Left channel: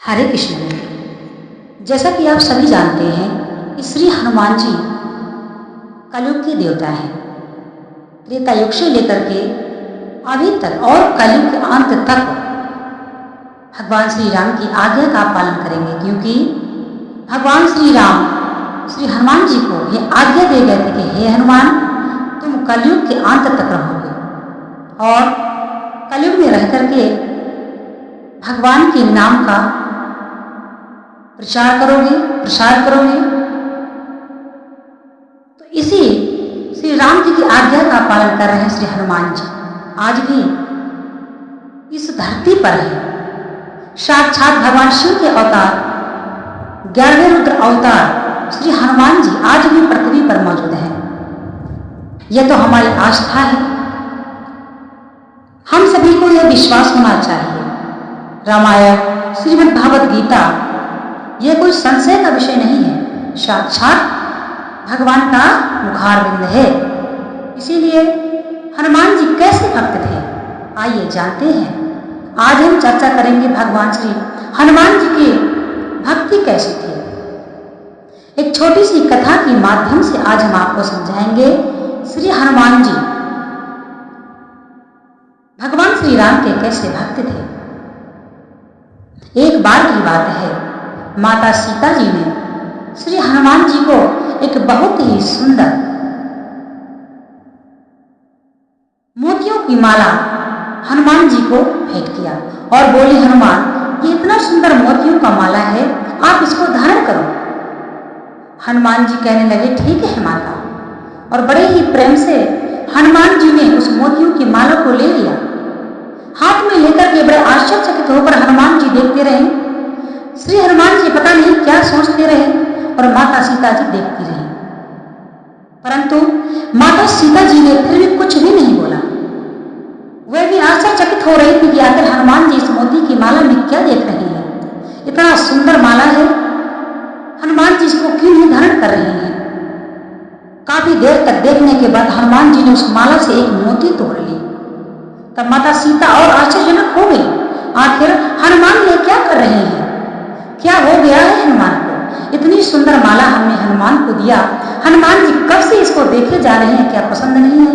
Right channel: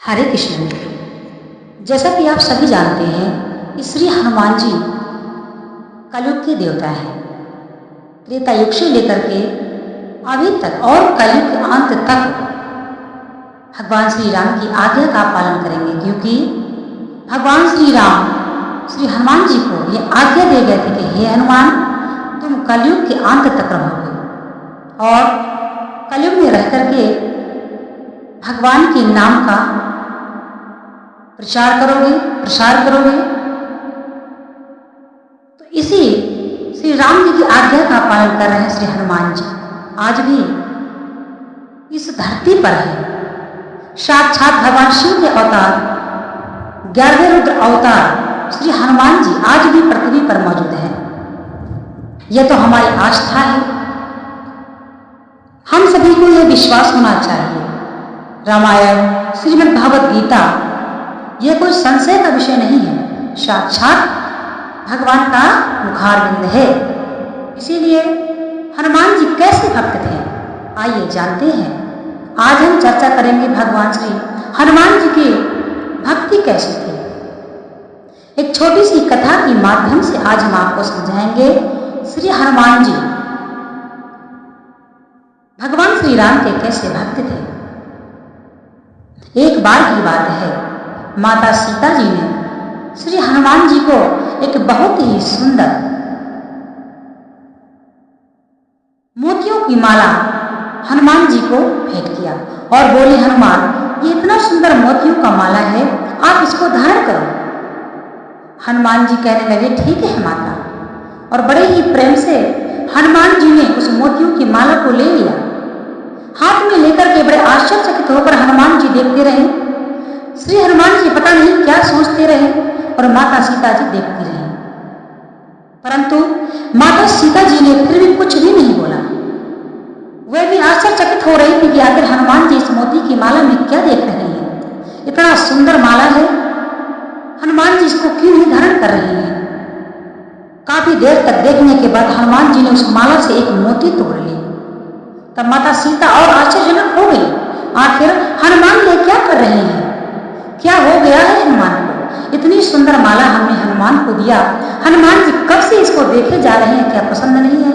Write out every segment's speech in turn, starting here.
हरे कृष्ण मित्र, जैसा कि आप सभी जानते हैं कि श्री हनुमान जी कलयुग के देवता हैं। त्रेता युग से लेकर के अभी तक और कलयुग के अंत तक भगवान श्री राम की आज्ञा का पालन करेंगे, क्योंकि भगवान श्री राम श्री हनुमान जी को ये आज्ञा दे गए थे कि हे हनुमान, तुम कलयुग के अंत तक रहोगे और कलयुग में रह करके भगवान के नाम का प्रसार करोगे। तो इसी श्री राम जी की आज्ञा का पालन कर रहे हैं श्री हनुमान जी। आज भी इस धरती पर है साक्षात भगवान शिव के अवतार 11वें रुद्र अवतार श्री हनुमान जी आज भी पृथ्वी पर मौजूद हैं। यह तो हमारी आस्था है। हम सभी को यह विश्वास होना चाहिए। रामायण, श्रीमद् भागवत गीता यह कोई संशय का विषय नहीं है, साक्षात भगवान का मुखारविंद है। इसीलिए हनुमान जी कैसे भक्त थे, आइए जानते हैं। आज हम चर्चा करेंगे भगवान श्री हनुमान जी की भक्ति कैसी थी। एक छोटी सी कथा के माध्यम से आज हम आपको समझाएंगे श्री हनुमान जी भगवान श्री राम के कैसे भक्त थे। एक बार की बात है, माता सीता जी ने श्री हनुमान जी को एक बहुत ही सुंदर मोतियों की माला हनुमान जी को भेंट किया और बोली, हनुमान, ये इतना सुंदर मोतियों का माला है, आप इसको धारण करो। हनुमान जी कहने लगे, ठीक है माता, और बड़े ही प्रेम से हनुमान जी ने उस मोतियों की माला को ले लिया। हाथ में लेकर के बड़े आश्चर्यचकित होकर हनुमान जी देखते रहे। श्री हनुमान जी पता नहीं क्या सोचते रहे और माता सीता जी देखती रही, परंतु माता सीता जी ने फिर भी कुछ भी नहीं बोला। वह भी आश्चर्यचकित हो रही थी कि आखिर हनुमान जी इस मोती की माला में क्या देख रहे हैं। इतना सुंदर माला है, हनुमान जी इसको क्यों नहीं धारण कर रहे हैं। काफी देर तक देखने के बाद हनुमान जी ने उस माला से एक मोती तोड़ ली। तब माता सीता और आश्चर्यजनक हो गई, आखिर हनुमान ये क्या कर रहे हैं, क्या हो गया है हनुमान को। इतनी सुंदर माला हमने हनुमान को दिया, हनुमान जी कब से इसको देखे जा रहे हैं, क्या पसंद नहीं है।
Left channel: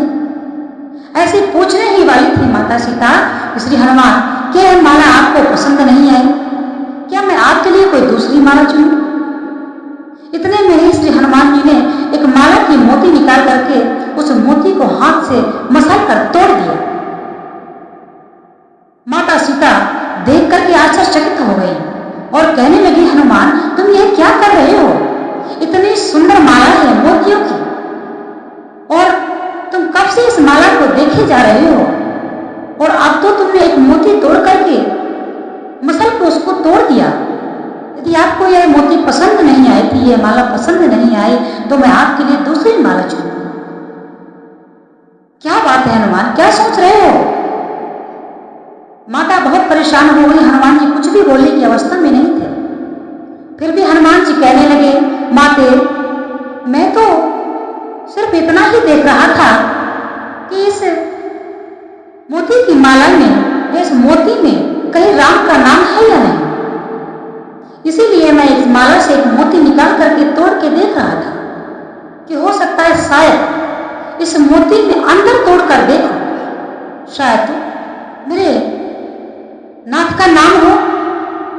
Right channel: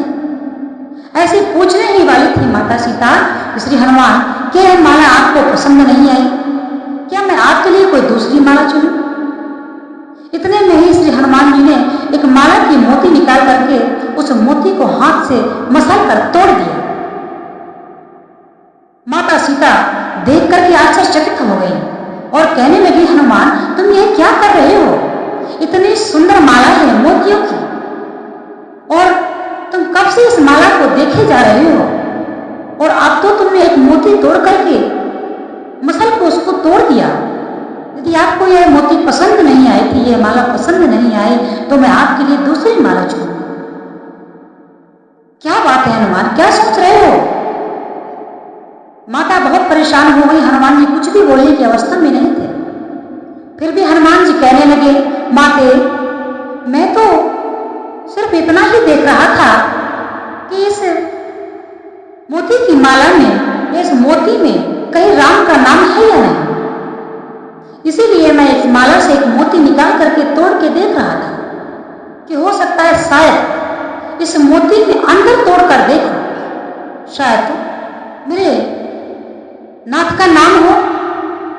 ऐसे पूछने ही वाली थी माता सीता, श्री हनुमान, क्या यह माला आपको पसंद नहीं आई, क्या मैं आपके लिए कोई दूसरी माला चुनूं। इतने में ही श्री हनुमान जी ने एक माला की मोती निकाल करके उस मोती को हाथ से मसल कर तोड़ दिया। माता सीता देख करके आश्चर्यचकित हो गई और कहने लगी, हनुमान, तुम यह क्या कर रहे हो, इतनी सुंदर माला है मोतियों की, और तुम कब से इस माला को देखे जा रहे हो, और अब तो तुमने एक मोती तोड़ करके मसल को उसको तोड़ दिया। यदि आपको यह मोती पसंद नहीं आई थी, यह माला पसंद नहीं आई, तो मैं आपके लिए दूसरी माला चुनूंगी। क्या बात है हनुमान, क्या सोच रहे हो। माता बहुत परेशान हो गई, हनुमान जी कुछ भी बोलने की अवस्था में नहीं थे। फिर भी हनुमान जी कहने लगे, माते, मैं तो सिर्फ इतना ही देख रहा था कि इस मोती की माला में, इस मोती में कहीं राम का नाम है या नहीं। इसीलिए मैं इस माला से एक मोती निकाल करके तोड़ के देख रहा था कि हो सकता है शायद इस मोती में अंदर तोड़ कर देखो, शायद तो मेरे नाथ का नाम हो,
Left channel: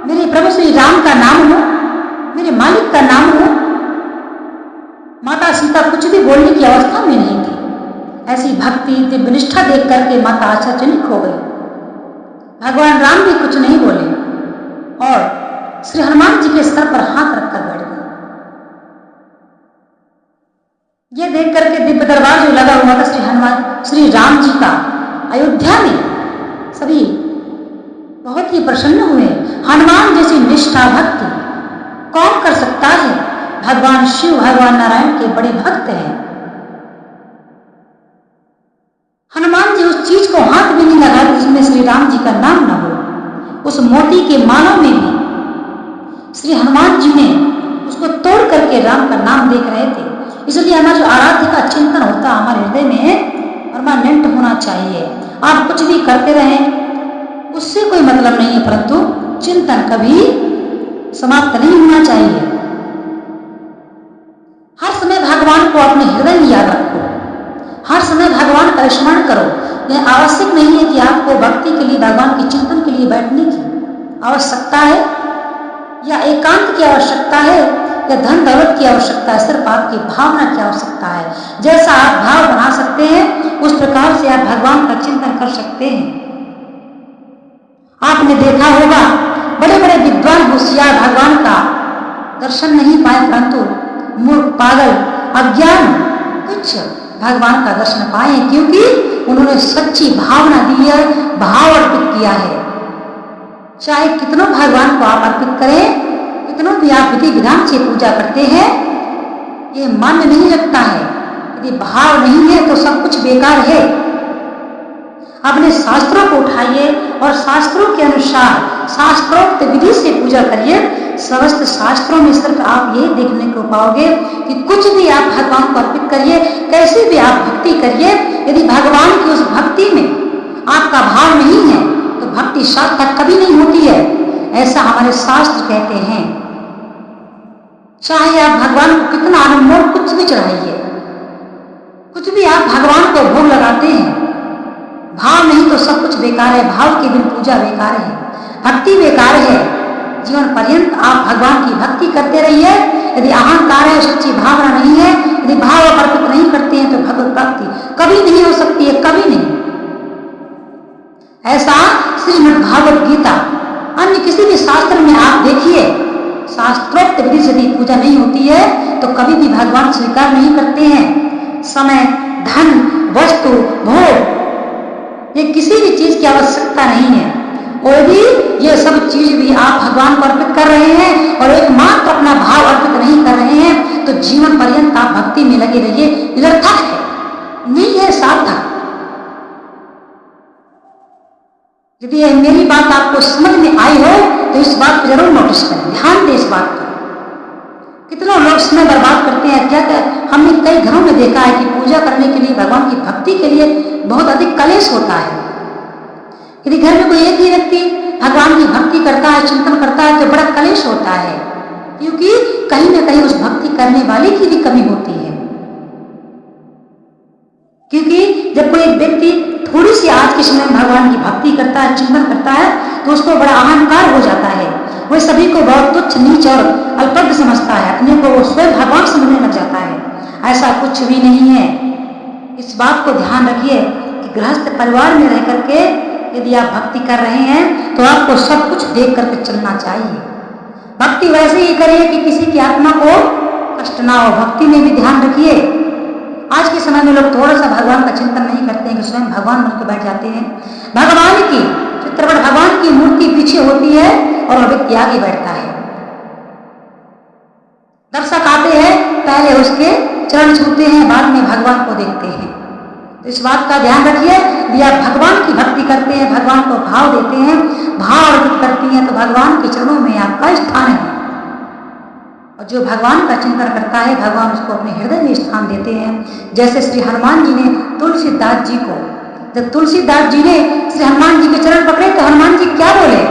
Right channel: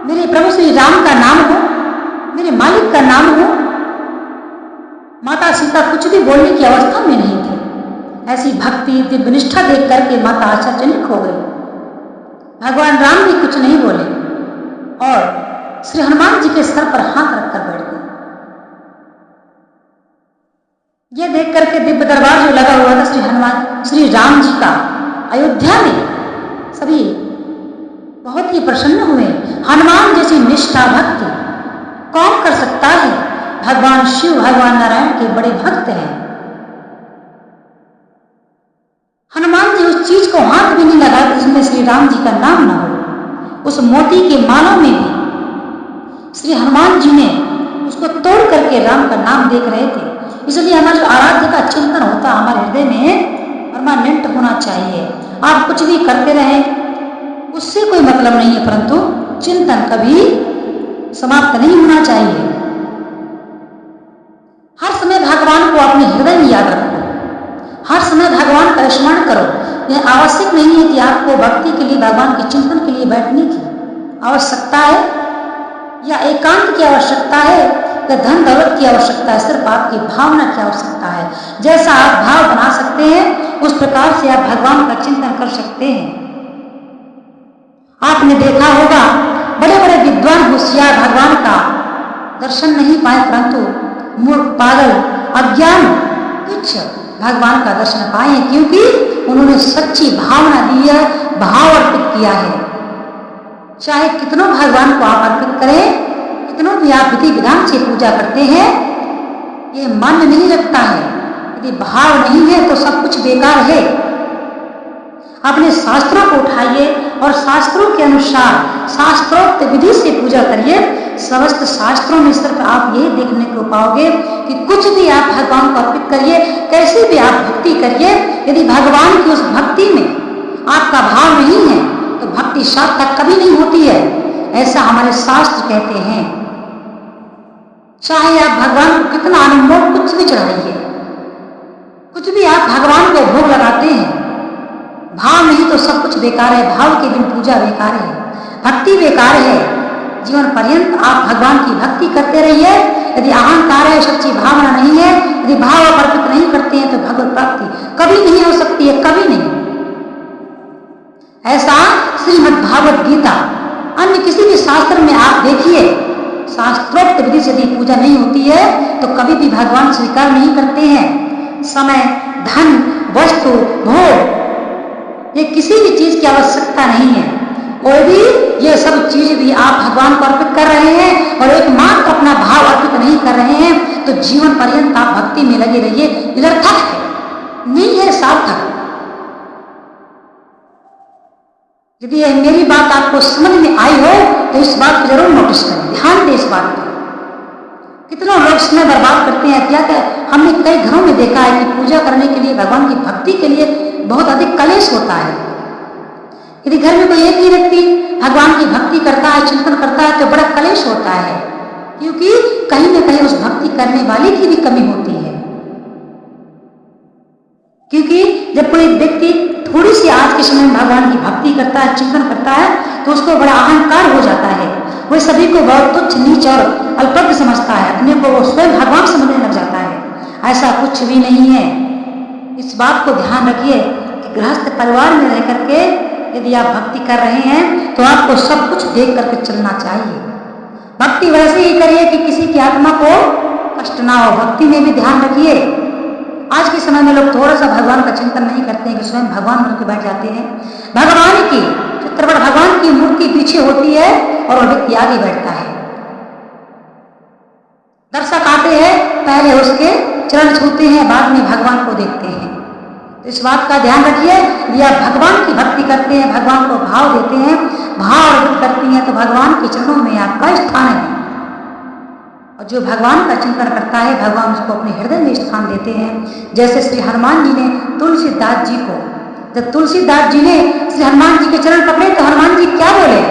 मेरे प्रभु श्री राम का नाम हो, मेरे मालिक का नाम हो। माता सीता कुछ भी बोलने की अवस्था में नहीं थी। ऐसी भक्ति दिव्य निष्ठा देख करके माता आश्चर्यचकित हो गई। भगवान राम भी कुछ नहीं बोले और श्री हनुमान जी के सर पर हाथ रखकर बैठ गए। यह देख करके दिव्य दरबार जो लगा हुआ था श्री राम जी का, अयोध्या में सभी बहुत ही प्रसन्न हुए। हनुमान जैसी निष्ठा भक्ति कौन कर सकता है। भगवान शिव, भगवान नारायण के बड़े भक्त हैं। हनुमान जी उस चीज को हाथ भी नहीं लगाते जिसमें श्री राम जी का नाम न हो। उस मोती के माला में भी श्री हनुमान जी ने उसको तोड़ करके राम का नाम देख रहे थे। इसलिए हमारा जो आराध्य का चिंतन होता हमारे हृदय में परमानेंट होना चाहिए। आप कुछ भी करते रहें, उससे कोई मतलब नहीं है, परंतु चिंतन कभी समाप्त नहीं होना चाहिए। हर समय भगवान को अपने हृदय में याद रखो, हर समय भगवान का स्मरण करो। यह आवश्यक नहीं है कि आपको भक्ति के लिए, भगवान के चिंतन के लिए बैठने की आवश्यकता है या एकांत की आवश्यकता है या धन दौलत की आवश्यकता है। सिर्फ आपकी भावना की आवश्यकता है। जैसा आप भाव बना सकते हैं उस प्रकार से आप भगवान का चिंतन कर सकते हैं। आपने देखा होगा बड़े बड़े विद्वान होशियार भगवान का दर्शन नहीं पाए, परंतु मूर्ख, पागल, अज्ञान कुछ भगवान का दर्शन पाए, क्योंकि उन्होंने सच्ची भावना दी है, भाव अर्पित किया है। चाहे कितनों भगवान को आप अर्पित करें, कितनों भी आप विधि विधान से पूजा करते हैं, ये मान्य नहीं रखता है। यदि भाव नहीं है तो सब कुछ बेकार है। अपने शास्त्रों को उठाइए और शास्त्रों के अनुसार शास्त्रोक्त विधि से पूजा करिए। समस्त शास्त्रों में सिर्फ आप यही देखने को पाओगे कि कुछ भी आप भगवान को अर्पित करिए, कैसी भी आप भक्ति करिए, यदि भगवान की उस भक्ति में आपका भाव नहीं है तो भक्ति सार्थक कभी नहीं होती है, ऐसा हमारे शास्त्र कहते हैं। चाहे आप भगवान को कितना अनमोल कुछ भी चढ़ाइए, कुछ भी आप भगवान को भोग लगाते हैं, भाव नहीं तो सब कुछ बेकार है। भाव के बिन पूजा बेकार है, भक्ति बेकार है। जीवन पर्यंत आप भगवान की भक्ति करते रहिए। यदि अहंकार है, सच्ची भावना नहीं है, यदि भाव आप अर्पित नहीं करते हैं तो भगवत प्राप्ति कभी नहीं हो सकती है, कभी नहीं। ऐसा श्रीमद् भागवत गीता, अन्य किसी भी शास्त्र में आप देखिए, शास्त्रोक्त विधि से यदि पूजा नहीं होती है तो कभी भी भगवान स्वीकार नहीं करते हैं। समय, धन, वस्तु, भोग, ये किसी भी चीज की आवश्यकता नहीं है। और यदि ये सब चीज भी आप भगवान को अर्पित कर रहे हैं और एकमात्र अपना भाव अर्पित नहीं कर रहे हैं तो जीवन पर्यंत आप भक्ति में लगे रहिए, निरर्थक है, नहीं है सार्थक। यदि मेरी बात आपको समझ में आई हो तो इस बात को जरूर नोटिस करें, ध्यान दें इस बात पर। कितने लोग समय बर्बाद करते हैं, क्या हमने कई घरों में देखा है कि पूजा करने के लिए, भगवान की भक्ति के लिए बहुत अधिक कलेश होता है। यदि घर में कोई एक ही व्यक्ति भगवान की भक्ति करता है, चिंतन करता है तो बड़ा कलेश होता है, क्योंकि कहीं ना कहीं उस भक्ति करने वाले की भी कमी होती है। क्योंकि जब कोई एक व्यक्ति थोड़ी सी आज के समय में भगवान की भक्ति करता है, चिंतन करता है, तो उसको बड़ा अहंकार हो जाता है। वह सभी को बहुत तुच्छ, नीच और अल्पज्ञ समझता है, अपने को वो स्वयं भगवान समझने लग जाता है। ऐसा कुछ भी नहीं है। इस बात को ध्यान रखिए कि गृहस्थ परिवार में रह करके यदि आप भक्ति कर रहे हैं तो आपको सब कुछ देख करके चलना चाहिए। भक्ति वैसे ही करिए कि किसी की आत्मा को कष्ट ना हो। भक्ति में भी ध्यान रखिए। आज के समय में लोग थोड़ा सा भगवान का चिंतन नहीं करते हैं कि स्वयं भगवान बन के बैठ जाते हैं। भगवान की चित्रपट, भगवान की मूर्ति पीछे होती है और वह व्यक्ति आगे बैठता है। दर्शक आते हैं, पहले उसके चरण छूते हैं, बाद में भगवान को देखते हैं। तो इस बात का ध्यान रखिए। यदि आप भगवान की भक्ति करते हैं, भगवान को भाव देते हैं, भाव अर्पित करती हैं, तो भगवान के चरणों में आपका स्थान है। और जो भगवान का चिंतन करता है, भगवान उसको अपने हृदय में स्थान देते हैं। जैसे श्री हनुमान जी ने तुलसीदास जी को, जब तुलसीदास जी ने श्री हनुमान जी के चरण पकड़े तो हनुमान जी क्या बोले?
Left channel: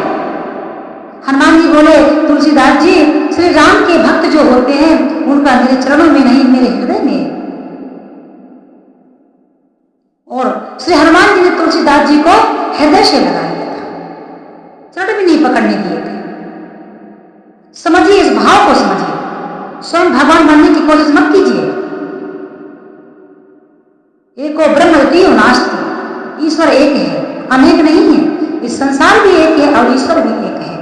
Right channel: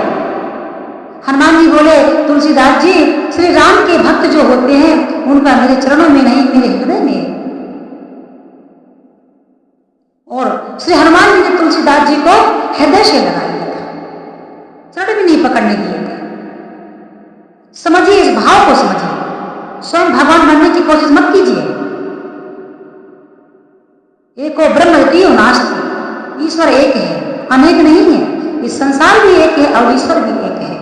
हनुमान जी बोले, तुलसीदास जी, श्री राम के भक्त जो होते हैं उनका मेरे चरणों में नहीं, मेरे हृदय में। और श्री हनुमान जी ने तुलसीदास जी को हृदय से लगा लिया था, चरण भी नहीं पकड़ने दिए थे। समझिए, इस भाव को समझिए। स्वयं भगवान बनने की कोशिश मत कीजिए। एको ब्रह्म द्वितीयो नास्ति, ईश्वर एक है, अनेक नहीं है। इस संसार भी एक है और ईश्वर भी एक है।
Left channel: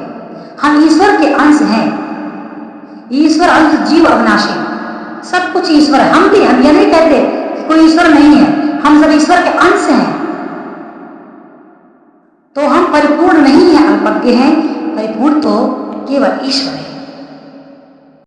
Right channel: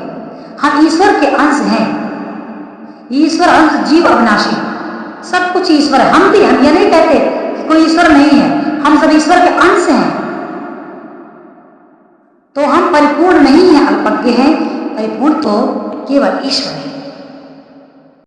हम ईश्वर के अंश हैं। ईश्वर अंश जीव अविनाशी, सब कुछ ईश्वर है। हम ये नहीं कहते कि कोई ईश्वर नहीं है, हम सब ईश्वर के अंश हैं। तो हम परिपूर्ण नहीं है, अल्पज्ञ हैं। परिपूर्ण तो केवल ईश्वर है।